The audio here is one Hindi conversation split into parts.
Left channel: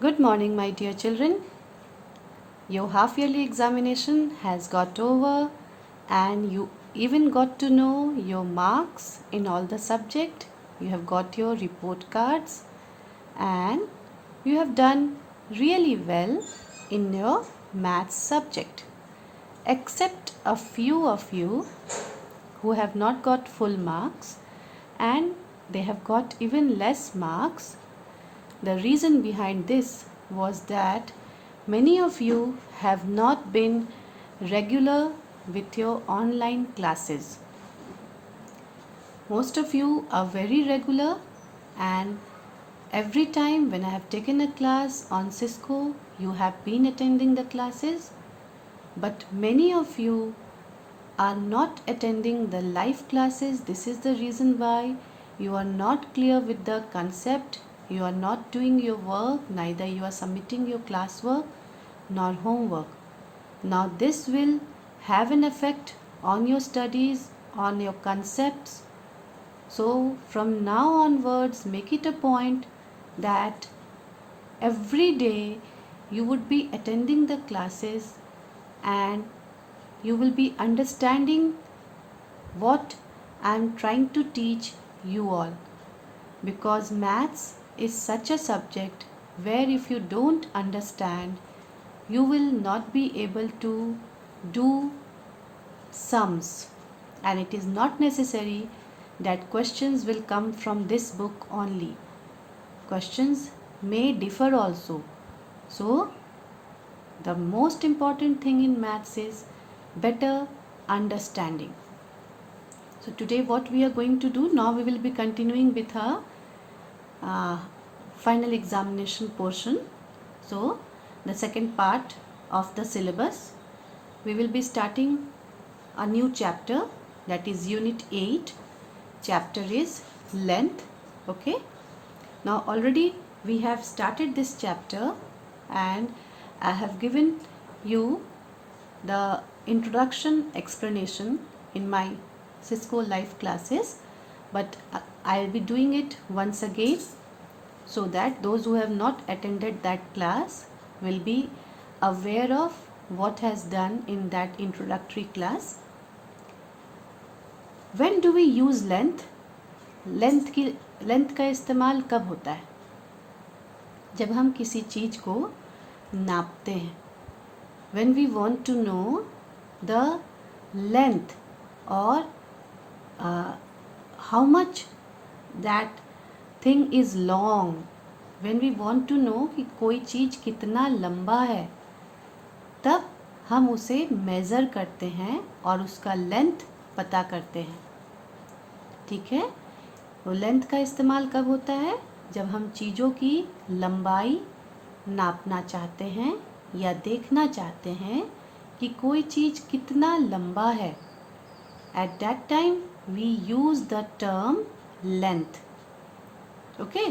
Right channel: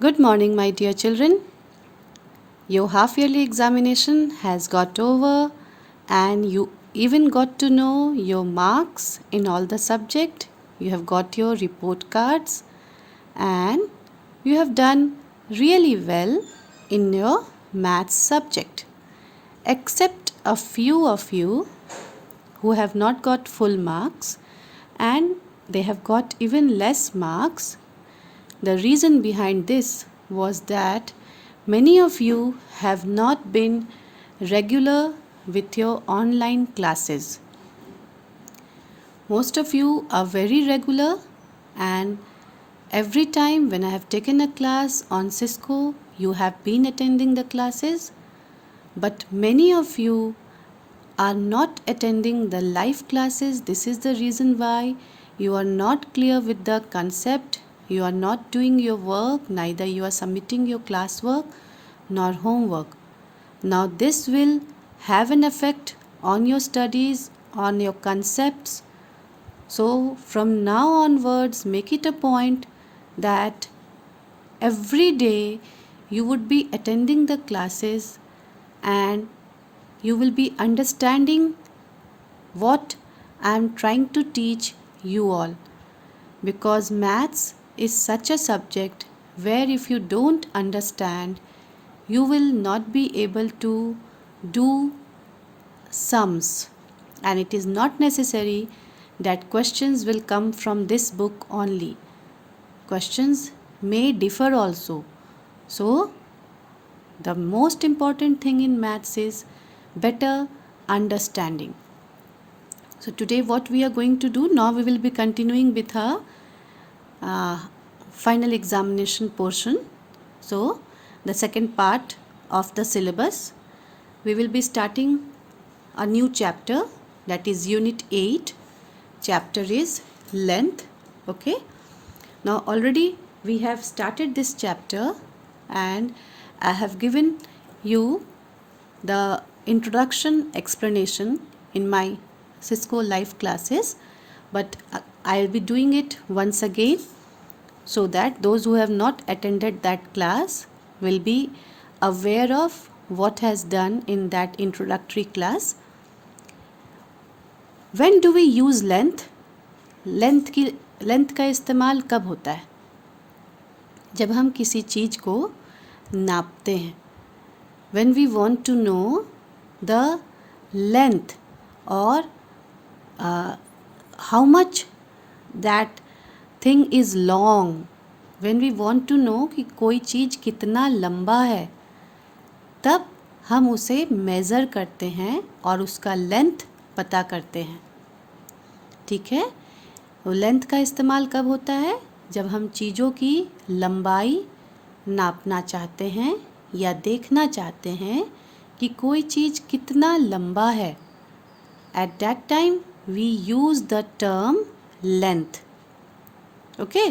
Good morning, my dear children. Your half yearly examination has got over, and you even got to know your marks in all the subject. You have got your report cards, and you have done really well in your maths subject. Except a few of you who have not got full marks and they have got even less marks. The reason behind this was that many of you have not been regular with your online classes. Most of you are very regular, and every time when I have taken a class on Cisco, you have been attending the classes, but many of you are not attending the live classes. This is the reason why you are not clear with the concept, you are not doing your work, neither you are submitting your classwork nor homework. Now this will have an effect on your studies, on your concepts. So from now onwards, make it a point that every day you would be attending the classes and you will be understanding what I am trying to teach you all, because maths is such a subject where if you don't understand, you will not be able to do sums, and it is not necessary that questions will come from this book only. Questions may differ also. So the most important thing in maths is better understanding. So today what we are going to do, now we will be continuing with our uh, final examination portion. So the second part of the syllabus, we will be starting a new chapter, that is unit 8. Chapter is length. Okay, now already we have started this chapter and I have given you the introduction explanation in my Cisco live classes, but I will be doing it once again so that those who have not attended that class will be aware of what has done in that introductory class. When do we use length? Length का इस्तेमाल कब होता है? जब हम किसी चीज़ को नापते हैं. When we want to know the length or how much that thing is long, when we want to know कि कोई चीज़ कितना लंबा है, तब हम उसे मेज़र करते हैं और उसका लेंथ पता करते हैं. ठीक है, तो लेंथ का इस्तेमाल कब होता है? जब हम चीज़ों की लंबाई नापना चाहते हैं या देखना चाहते हैं कि कोई चीज़ कितना लंबा है. At that time we use the term length. Okay,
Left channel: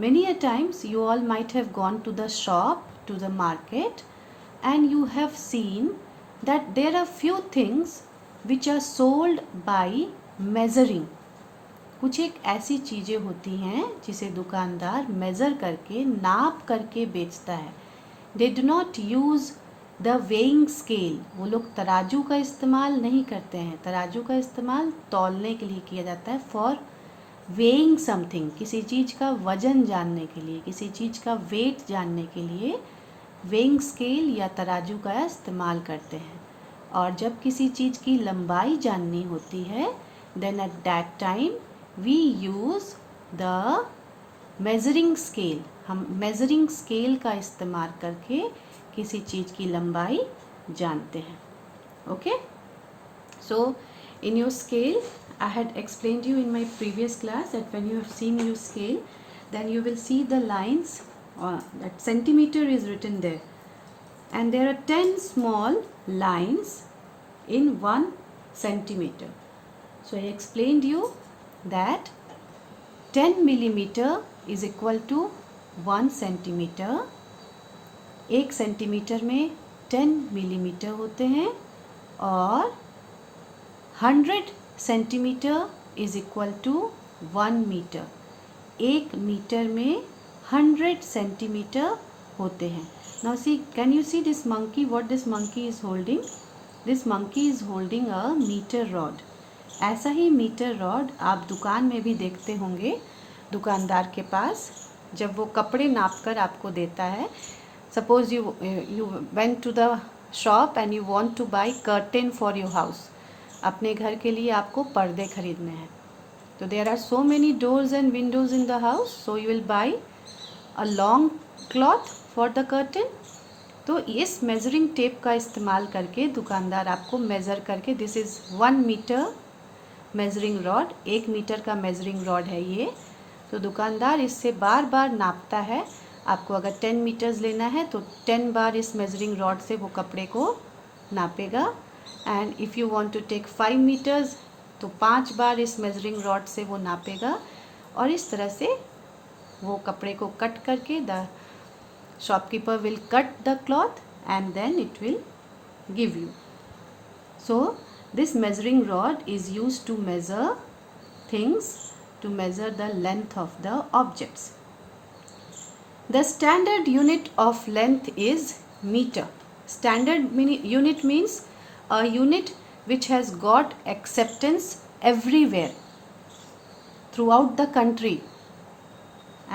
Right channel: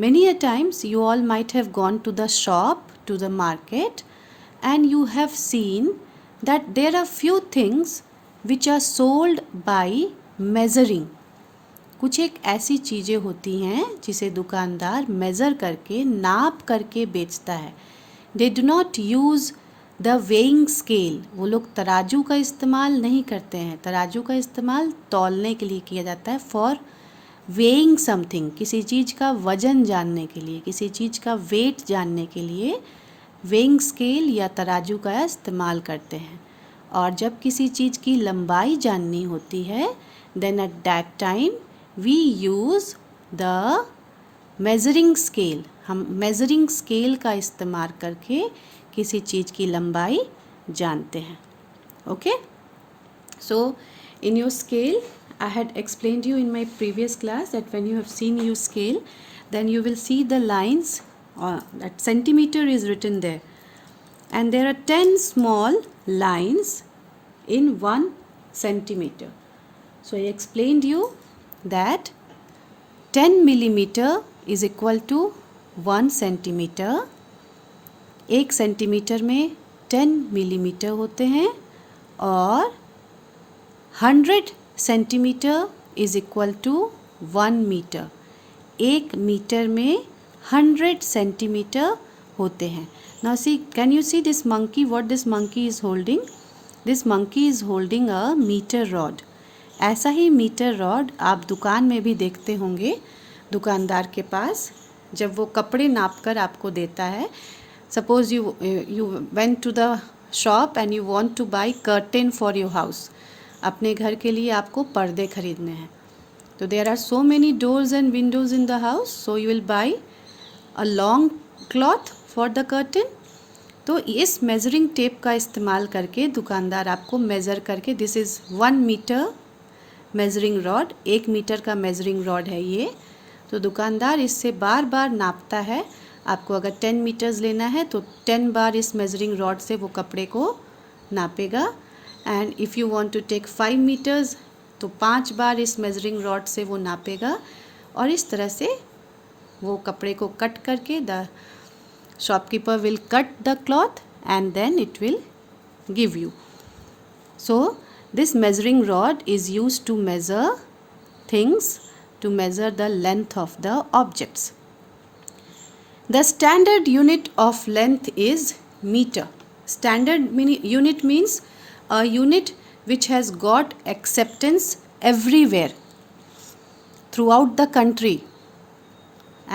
many a times you all might have gone to the shop, to the market, and you have seen that there are few things which are sold by measuring. कुछ एक ऐसी चीज़ें होती हैं जिसे दुकानदार मेज़र करके, नाप करके बेचता है. They do not use the weighing scale. वो लोग तराजू का इस्तेमाल नहीं करते हैं. तराजू का इस्तेमाल तौलने के लिए किया जाता है, फॉर वेइंग समथिंग. किसी चीज़ का वज़न जानने के लिए, किसी चीज़ का वेट जानने के लिए वेइंग स्केल या तराजू का इस्तेमाल करते हैं. और जब किसी चीज़ की लंबाई जाननी होती है, then at that time we use the measuring scale. हम measuring scale का इस्तेमाल करके किसी चीज़ की लंबाई जानते हैं. Okay, so in your scale, I had explained you in my previous class that when you have seen your scale, then you will see the lines, that centimeter is written there, and there are 10 small lines in 1 centimeter. So I explained you that 10 millimeter is equal to 1 centimeter. 1 centimetre में 10 मिलीमीटर होते हैं और 100 centimetre is equal to 1 metre. 1 metre में 100 सेंटीमीटर होते हैं. Now see, can you see this monkey? What this monkey is holding? This monkey is holding a meter rod. ऐसा ही मीटर रॉड आप दुकान में भी देखते होंगे दुकानदार के पास, जब वो कपड़े नाप कर आपको देता है. Suppose you went to the shop and you want to buy curtain for your house. अपने घर के लिए आपको पर्दे खरीदने हैं. तो there are so many doors and windows in the house, so you will buy a long cloth for the curtain. तो इस मेजरिंग टेप का इस्तेमाल करके दुकानदार आपको मेज़र करके, this is 1 metre measuring rod, 1 metre का मेजरिंग रॉड है ये. तो दुकानदार इससे बार बार नापता है. आपको अगर 10 मीटर्स लेना है तो 10 बार इस मेजरिंग रॉड से वो कपड़े को नापेगा. And if you want to take 5 metres तो 5 बार इस मेजरिंग रॉड से वो नापेगा. और इस तरह से वो कपड़े को कट करके the shopkeeper will cut the cloth and then it will give you. So this measuring rod is used to measure things, to measure the length of the objects. The standard unit of length is meter. Standard unit means a unit which has got acceptance everywhere throughout the country,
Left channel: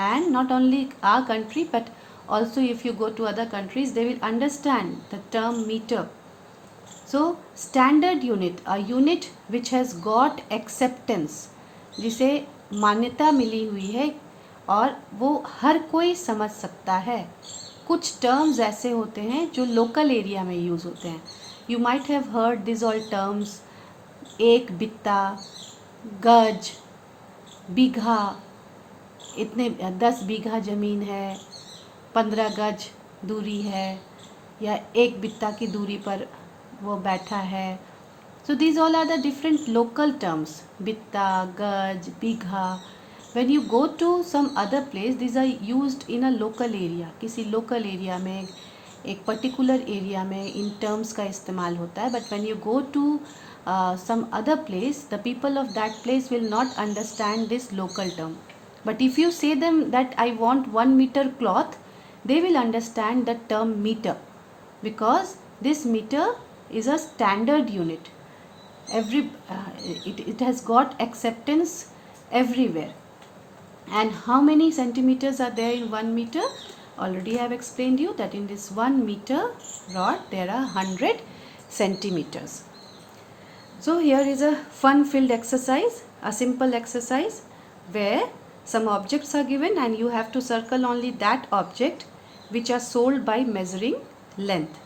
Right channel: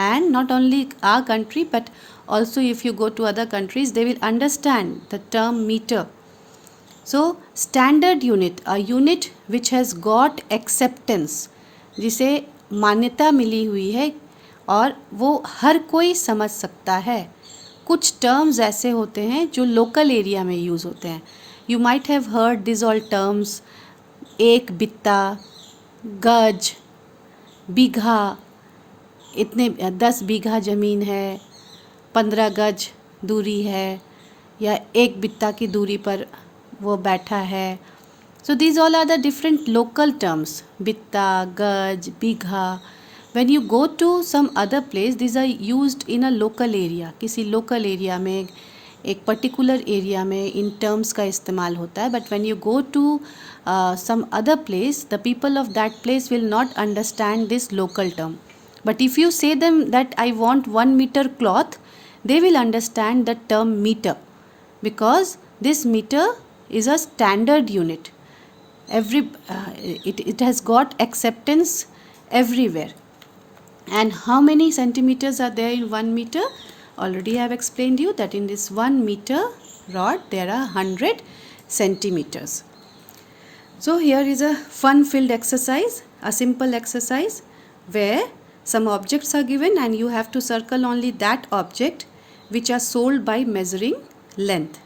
and not only our country but also if you go to other countries they will understand the term meter. So standard unit, a unit which has got acceptance, जिसे मान्यता मिली हुई है और वो हर कोई समझ सकता है. कुछ टर्म्स ऐसे होते हैं जो लोकल एरिया में यूज़ होते हैं. You might have heard this all terms, एक बित्ता, गज, बीघा, इतने 10 बीघा ज़मीन है, 15 गज दूरी है, या एक बित्ता की दूरी पर वो बैठा है. So these all are the different local terms, bitta, gaj, bigha. When you go to some other place these are used in a local area. किसी लोकल एरिया में, एक पर्टिकुलर एरिया में इन टर्म्स का इस्तेमाल होता है. But when you go to some other place the people of that place will not understand this local term. But if you say them that I want 1 meter cloth, they will understand the term meter, because this meter is a standard unit. It has got acceptance everywhere. And how many centimeters are there in 1 meter? Already I have explained you that in this 1 meter rod there are 100 centimeters. So here is a fun-filled exercise, a simple exercise where some objects are given and you have to circle only that object which are sold by measuring length.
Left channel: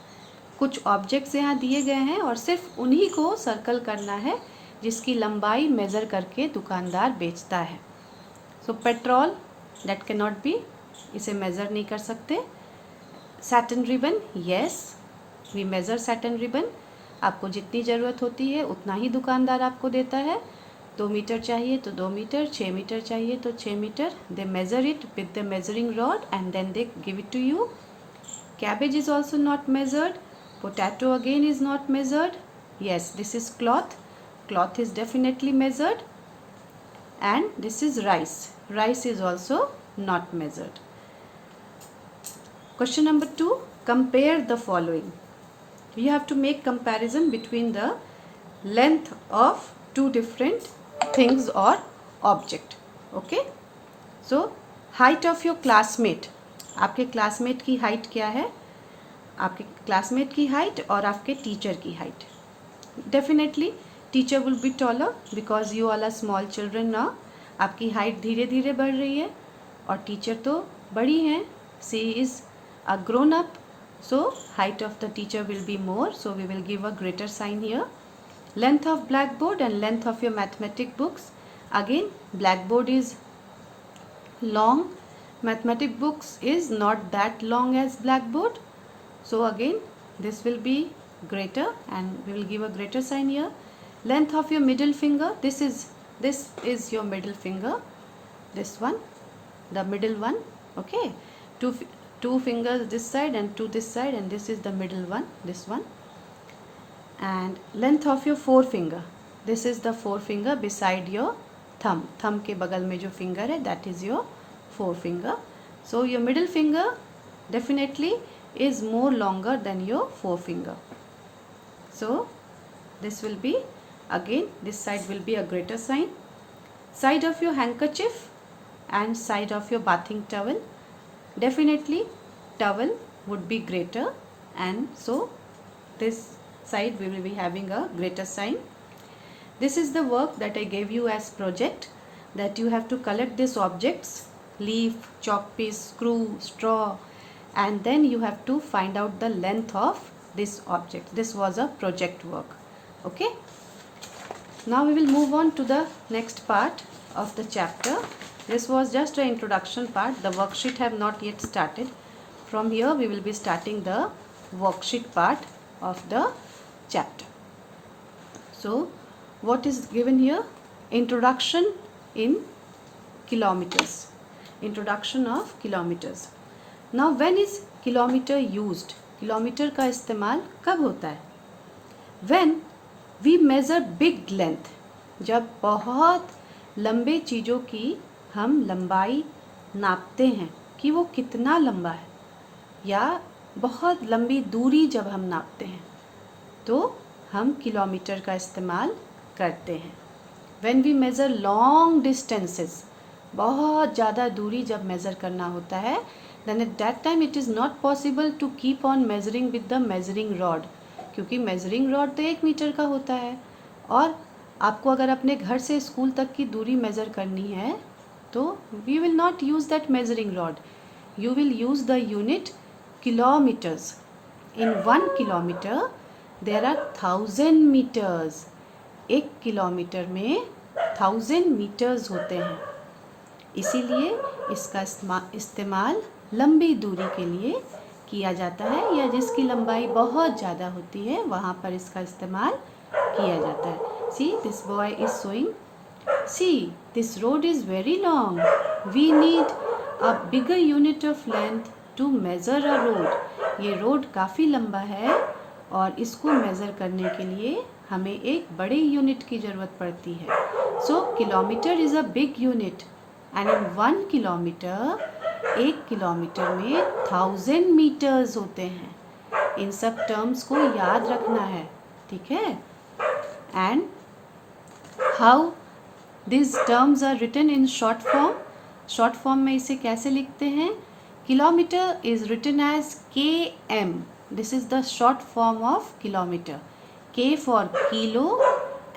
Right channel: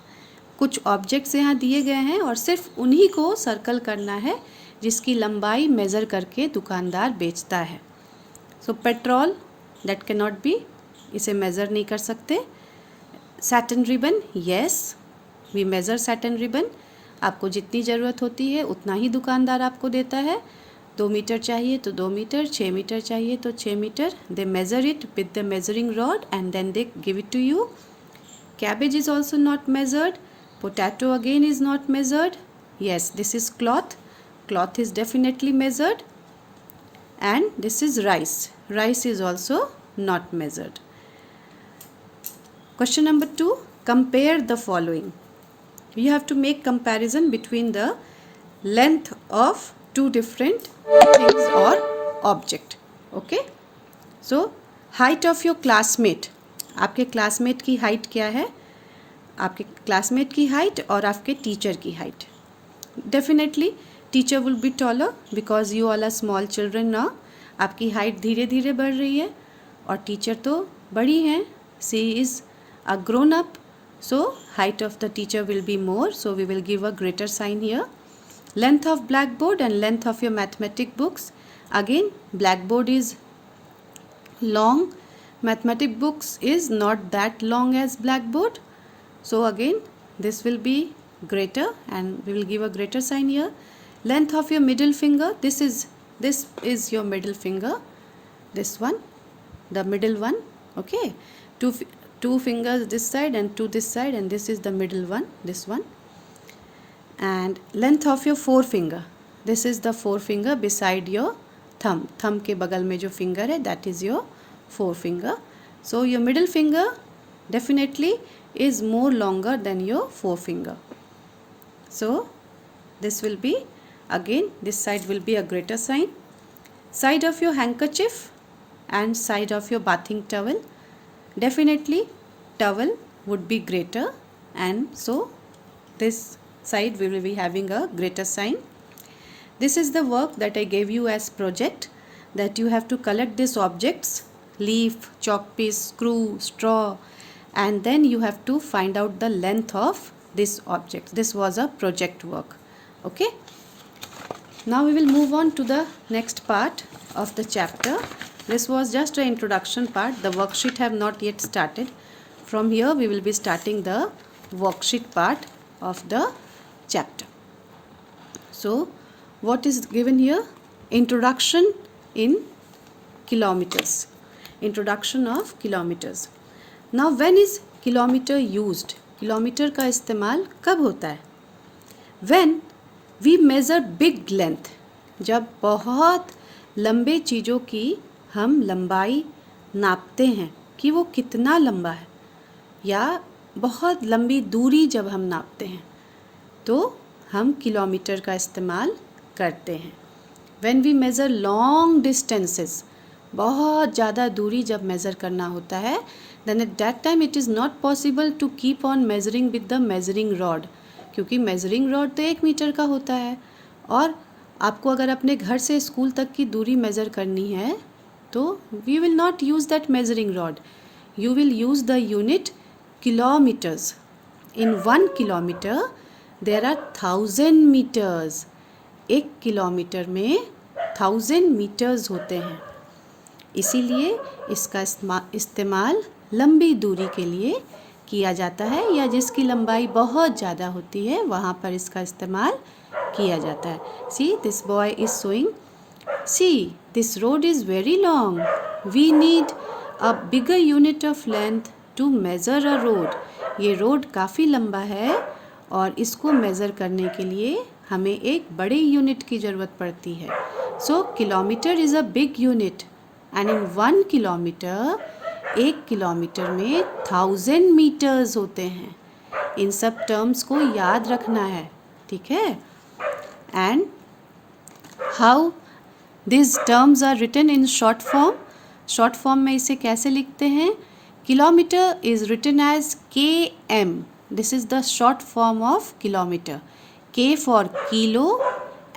कुछ ऑब्जेक्ट्स यहाँ दिए गए हैं और सिर्फ उन्हीं को सर्कल करना है जिसकी लंबाई मेज़र करके दुकानदार बेचता है. So petrol, that can not be, इसे मेज़र नहीं कर सकते. Satin ribbon, yes we measure satin ribbon. आपको जितनी ज़रूरत होती है उतना ही दुकानदार आपको देता है. 2 मीटर चाहिए तो 2 मीटर, 6 मीटर चाहिए तो 6 metre. They measure it with the measuring rod and then they give it to you. Cabbage is also not measured. Potato again is not measured. Yes, this is cloth. Cloth is definitely measured. And this is rice. Rice is also not measured. Question number 2. Compare the following. You have to make comparison between the length of two different things or object. Okay. So, height of your classmate. आपके क्लासमेट की हाइट क्या है? आपके क्लासमेट की हाइट और आपके टीचर की height. Definitely teacher will be taller because you all are small children now. आपकी हाइट धीरे धीरे बढ़ रही है और टीचर तो बड़ी हैं. She is a grown up, so height of the teacher will be more, so we will give a greater sign here. Length of black board and length of your mathematic books. Again black board is long, mathematic books is not that long as blackboard, so again this will be greater and we will give a greater sign here. Length of your middle finger, this is your middle finger, this one, the middle one. Okay, two fingers this side and two this side, and this is the middle one, this one. And length of your forefinger, this is the forefinger beside your thumb. Thumb के बगल में जो finger है that is your forefinger. So your middle finger definitely is more longer than your forefinger. So this will be, again this side will be a greater sign. Side of your handkerchief and side of your bathing towel, definitely towel would be greater, and so this side we will be having a greater sign. This is the work that I gave you as project, that you have to collect these objects, leaf, chalk piece, screw, straw, and then you have to find out the length of this object. This was a project work. Okay. Now we will move on to the next part of the chapter. This was just an introduction part. The worksheet have not yet started. From here we will be starting the worksheet part of the chapter. So what is given here? Introduction in kilometers. Introduction of kilometers. Now when is kilometer used? Kilometre का इस्तेमाल कब होता है? When we measure big length, जब बहुत लंबे चीज़ों की हम लंबाई नापते हैं कि वो कितना लंबा है, या बहुत लंबी दूरी जब हम नापते हैं तो हम किलोमीटर का इस्तेमाल करते हैं. When we measure long distances, बहुत ज़्यादा दूरी जब मेज़र करना होता है, then at that time it is not possible to keep on measuring with the measuring rod, क्योंकि measuring rod तो 1 मीटर का होता है, और आपको अगर अपने घर से स्कूल तक की दूरी मेज़र करनी है तो we will not use that measuring rod. You will use the unit kilometers. In 1 kilometer there are 1000 meters. 1 kilometre में 1000 मीटर्स होते हैं, इसीलिए इसका इस्तेमाल लंबी दूरी के लिए किया जाता है, या जिसकी लंबाई बहुत ज़्यादा होती है वहाँ पर इसका इस्तेमाल किया जाता है. See, this boy is showing. See, this road is very long. We need a bigger unit of length to measure a road. ये रोड काफ़ी लंबा है और इसको मेज़र करने के लिए हमें एक बड़े यूनिट की ज़रूरत पड़ती है. So kilometre is a big unit, and in 1 kilometre, 1 kilometre में 1000 मीटर्स होते हैं. इन सब टर्म्स को याद रखना है, ठीक है. And how this terms are written in short form. Short form में इसे कैसे लिखते हैं? Kilometre is written as km. This is the short form of kilometre. K for kilo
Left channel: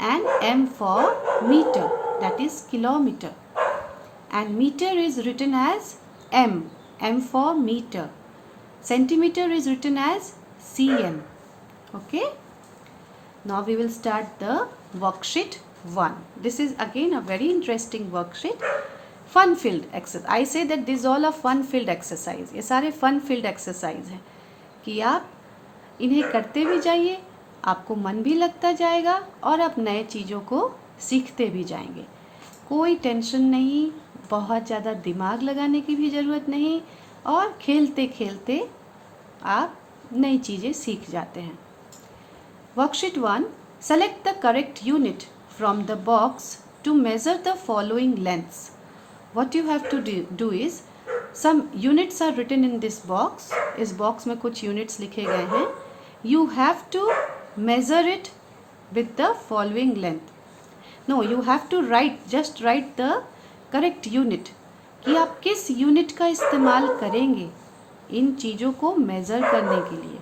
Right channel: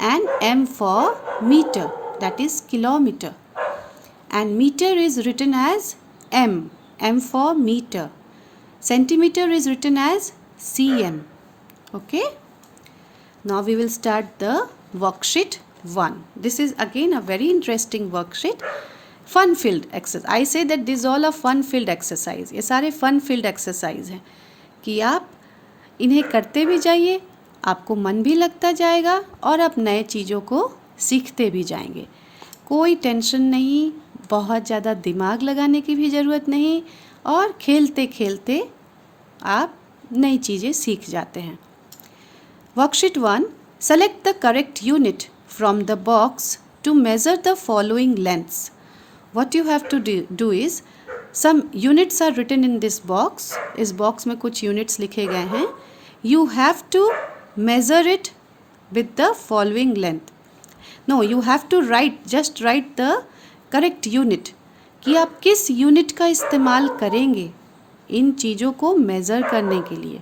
and M for meter, that is kilometer. And meter is written as M, M for meter. Centimeter is written as cm. Okay. Now we will start the worksheet 1. This is again a very interesting worksheet. Fun filled exercise. I say that this is all a fun filled exercise. ये सारे fun filled exercise हैं कि आप इन्हें करते भी जाइए, आपको मन भी लगता जाएगा और आप नए चीज़ों को सीखते भी जाएंगे. कोई टेंशन नहीं, बहुत ज़्यादा दिमाग लगाने की भी ज़रूरत नहीं, और खेलते खेलते आप नई चीज़ें सीख जाते हैं. Worksheet 1. Select the correct unit from the box to measure the following lengths. What you have to do is, some units are written in this box. इस बॉक्स में कुछ यूनिट्स लिखे गए हैं. You have to measure it with the following length. No, you have to just write the correct unit, कि आप किस यूनिट का इस्तेमाल करेंगे इन चीज़ों को मेज़र करने के लिए.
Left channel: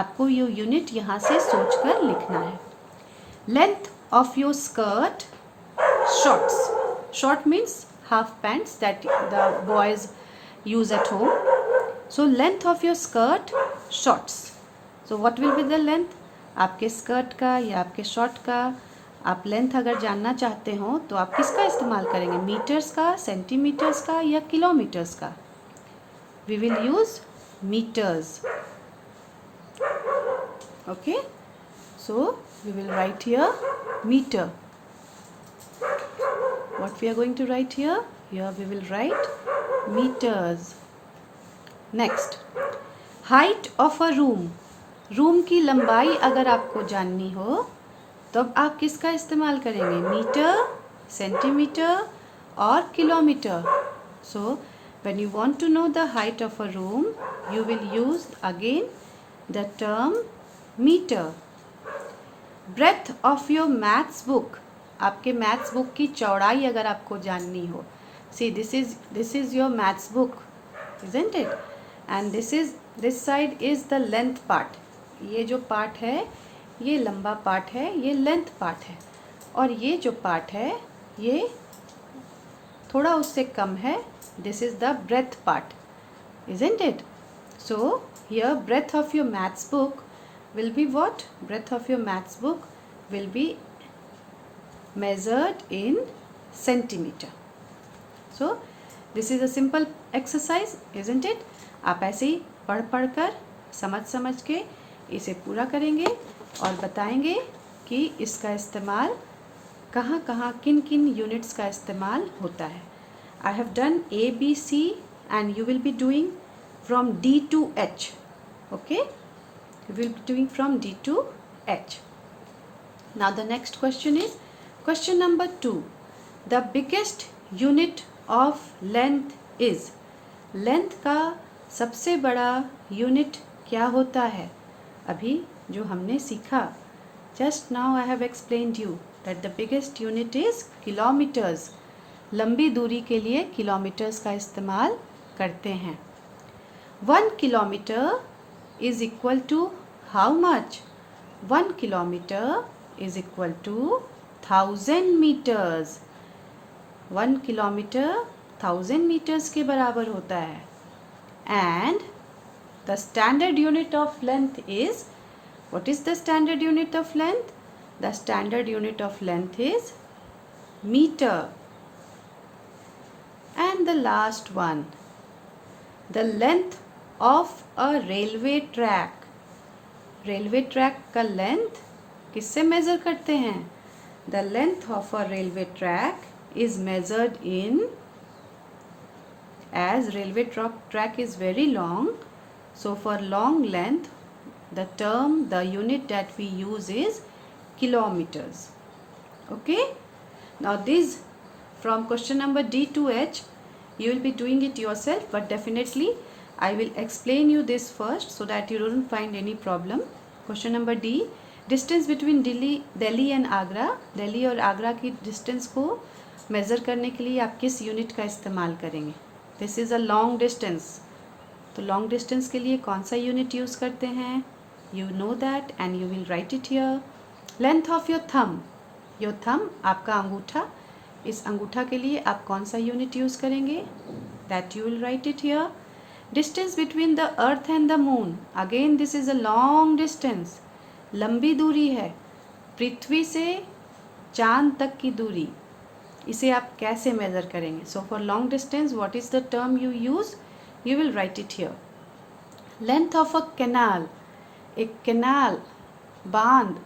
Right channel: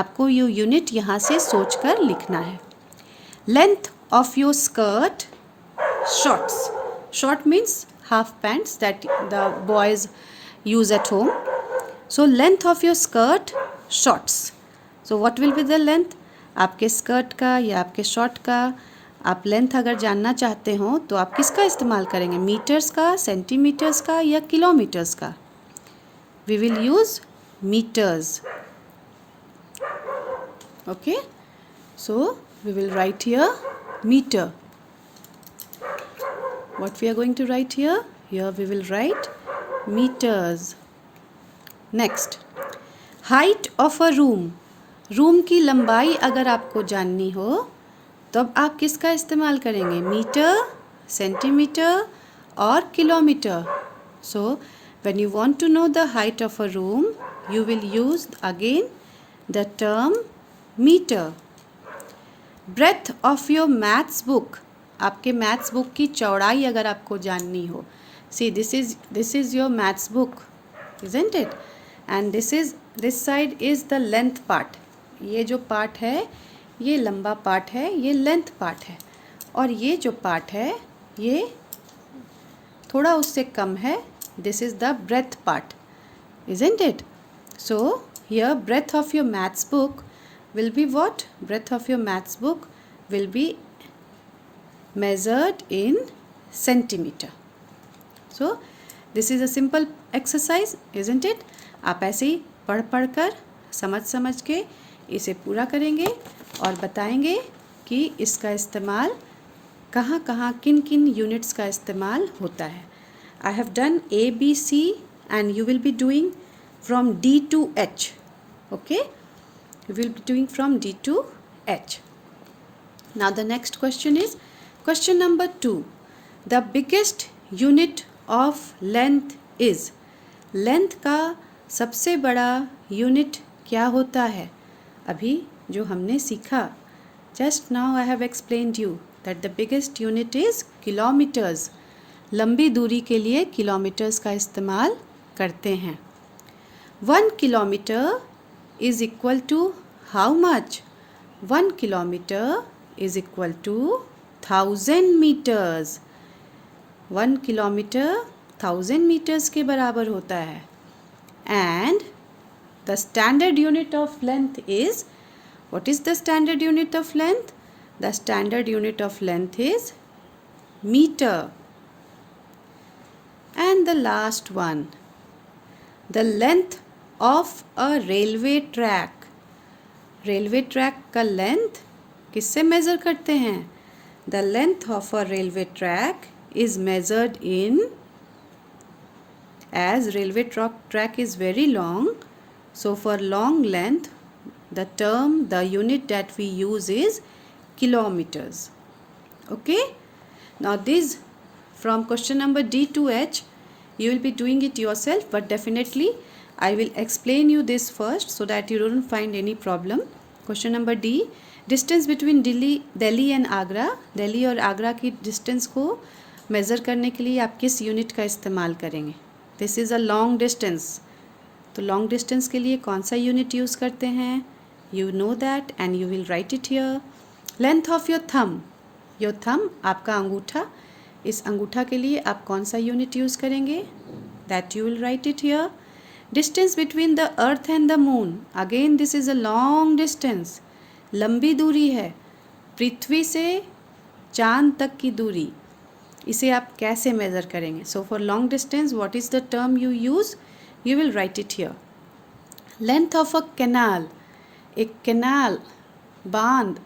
आपको ये यूनिट यहाँ से सोच कर लिखना है. Length of your skirt, shorts. Short means half pants that the boys use at home. So length of your skirt, shorts. So what will be the length? आपके स्कर्ट का या आपके शॉर्ट का आप लेंथ अगर जानना चाहते हो तो आप किसका इस्तेमाल करेंगे? मीटर्स का, सेंटीमीटर्स का, या किलोमीटर्स का? We will use metres. Okay, so we will write here metre. What we are going to write here? Here we will write metres. Next, height of a room. Room की लंबाई अगर आपको जाननी हो तब आप किसका इस्तेमाल करेंगे? मीटर, सेंटीमीटर और kilometre. So When you want to know the height of a room, you will use again the term meter. Breadth of your maths book, आपके मैथ्स बुक की चौड़ाई अगर आपको जाननी हो, see this is your maths book, isn't it? And this side is the length part. ये जो पार्ट है ये लंबा पार्ट है, ये लेंथ पार्ट है, और ये जो पार्ट है ये थोड़ा उससे कम है. This is the breadth part, isn't it? So here breadth of your maths book will be what? Breadth of your maths book will be measured in centimeter. So this is a simple exercise, isn't it? आप ऐसे ही पढ़ कर समझ के इसे पूरा करेंगे और बताएंगे कि इसका इस्तेमाल कहाँ किन यूनिट्स का इस्तेमाल होता है. I have done A, B, C and you will be doing from D to H. Okay? You will be doing from D to H. Now the next question is question number 2. The biggest unit of length is. Length का सबसे बड़ा यूनिट क्या होता है? अभी जो हमने सीखा, just now I have explained you that the biggest unit is kilometers. लंबी दूरी के लिए किलोमीटर्स का इस्तेमाल करते हैं. 1 kilometre is equal to how much? 1 kilometer is equal to 1000 meters. 1 kilometer 1000 meters के बराबर होता है. And the standard unit of length is, what is the standard unit of length? The standard unit of length is meter. And the last one, the length of a railway track. Railway track का length किससे measure करते हैं? The length of a railway track is measured in, as railway track is very long, so for long length the unit that we use is kilometers. Okay? Now this, from question number D to H, you will be doing it yourself, but definitely I will explain you this first so that you don't find any problem. Question number D, distance between Delhi and Agra. Delhi और आगरा की डिस्टेंस को मेज़र करने के लिए आप किस यूनिट का इस्तेमाल करेंगे? This is a long distance. तो लॉन्ग डिस्टेंस के लिए कौन सा यूनिट यूज़ करते हैं? You know that and you will write it here. Length of your थम, आपका अंगूठा, इस अंगूठा के लिए आप कौन सा यूनिट यूज़ करेंगे? That you will write it here. Distance between the earth and the moon, again this is a long distance. लंबी दूरी है, पृथ्वी से चांद तक की दूरी, इसे आप कैसे मेज़र करेंगे? So for long distance what is the term you use? You will write it here. Length of a canal, एक कैनाल, बांध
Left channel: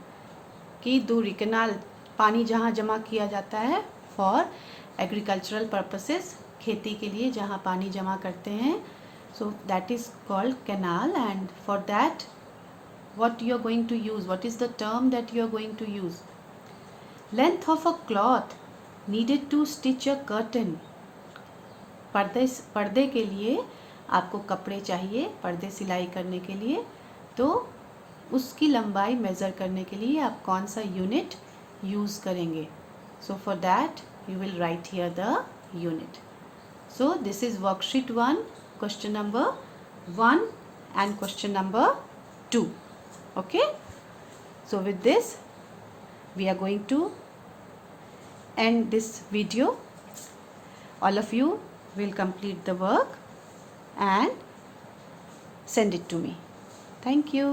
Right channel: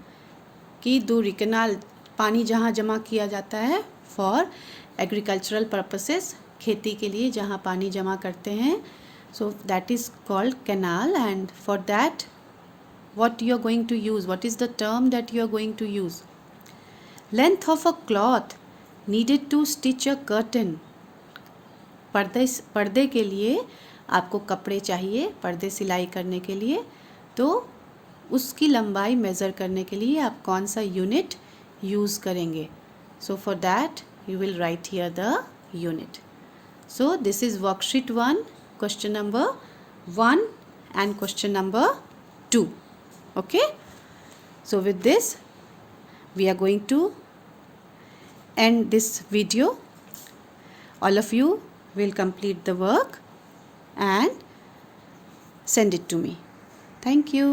की दूरी, कैनाल पानी जहाँ जमा किया जाता है फॉर एग्रीकल्चरल पर्पसेस, खेती के लिए जहाँ पानी जमा करते हैं, so that is called canal. And for that what you are going to use, what is the term that you are going to use? Length of a cloth needed to stitch a curtain. पर्दे के लिए आपको कपड़े चाहिए, पर्दे सिलाई करने के लिए, तो उसकी लंबाई मेज़र करने के लिए आप कौन सा यूनिट यूज़ करेंगे? So for that you will write here the unit. So this is worksheet 1, question number 1 and question number 2. Okay, so with this we are going to end this video. All of you will complete the work and send it to me. Thank you.